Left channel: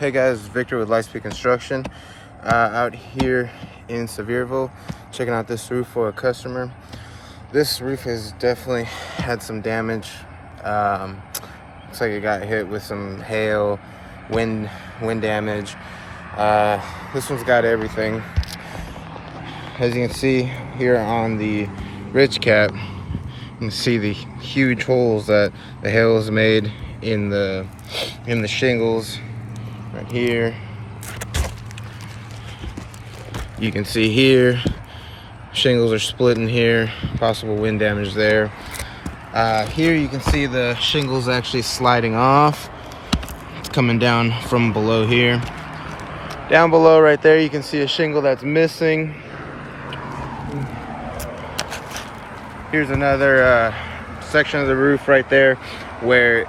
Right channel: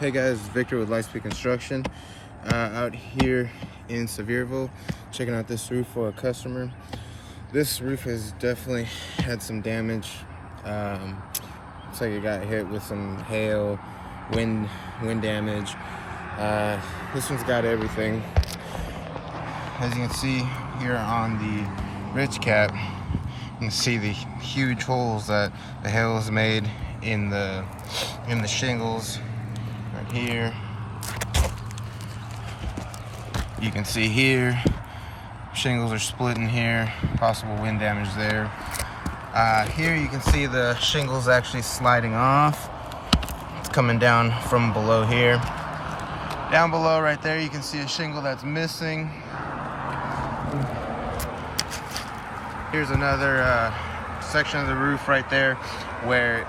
Hey guys, Victor with Lightspeed Construction, out here in Sevierville, checking out this roof for a customer. This roof has definitely had some damage. Looks like it got hit with some hail, wind damage. This one's got everything. As you can see here on the ridge cap, you can see the huge holes that the hail has made in the shingles. Here you can see here shingles are splitting here, possible wind damage there. Here you can see the shingles actually sliding off. It's coming down from below here. Down below right there you can see a shingle that's missing. Here's another section of the roof right there where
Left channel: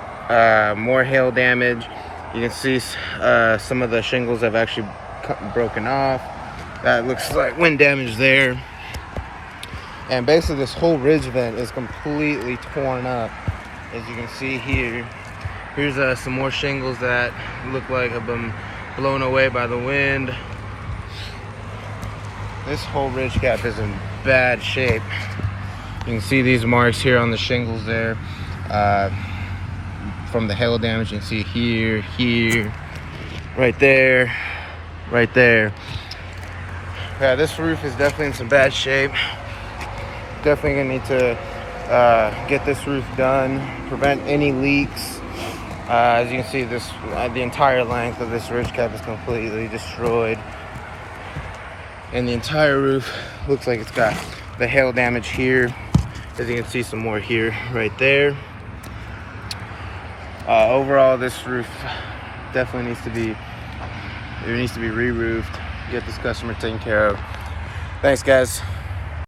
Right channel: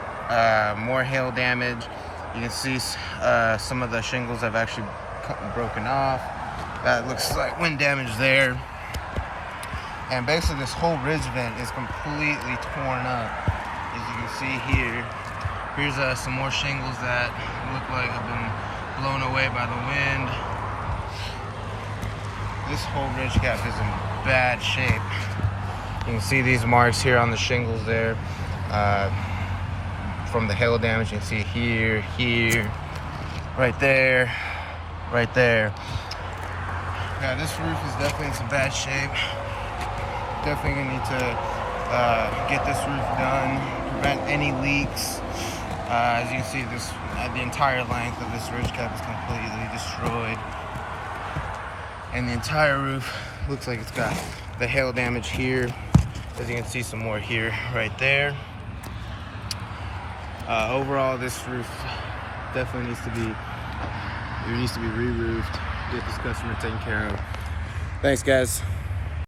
more hail damage. You can see some of the shingles have actually broken off. That looks like wind damage there. And basically this whole ridge vent is completely torn up. As you can see here, here's some more shingles that look like have been blown away by the wind. This whole ridge cap is in bad shape. You can see these marks here on the shingles there. From the hail damage, you can see here, right there. Yeah, this roof is definitely in some bad shape. Definitely gonna need to get this roof done, prevent any leaks. As you can see, the entire length of this ridge cap is completely destroyed, and the entire roof looks like it's got the hail damage here. As you can see, some more here, right there. Overall, this roof definitely needs to be re-roofed. Get this customer taken care of. Thanks, guys.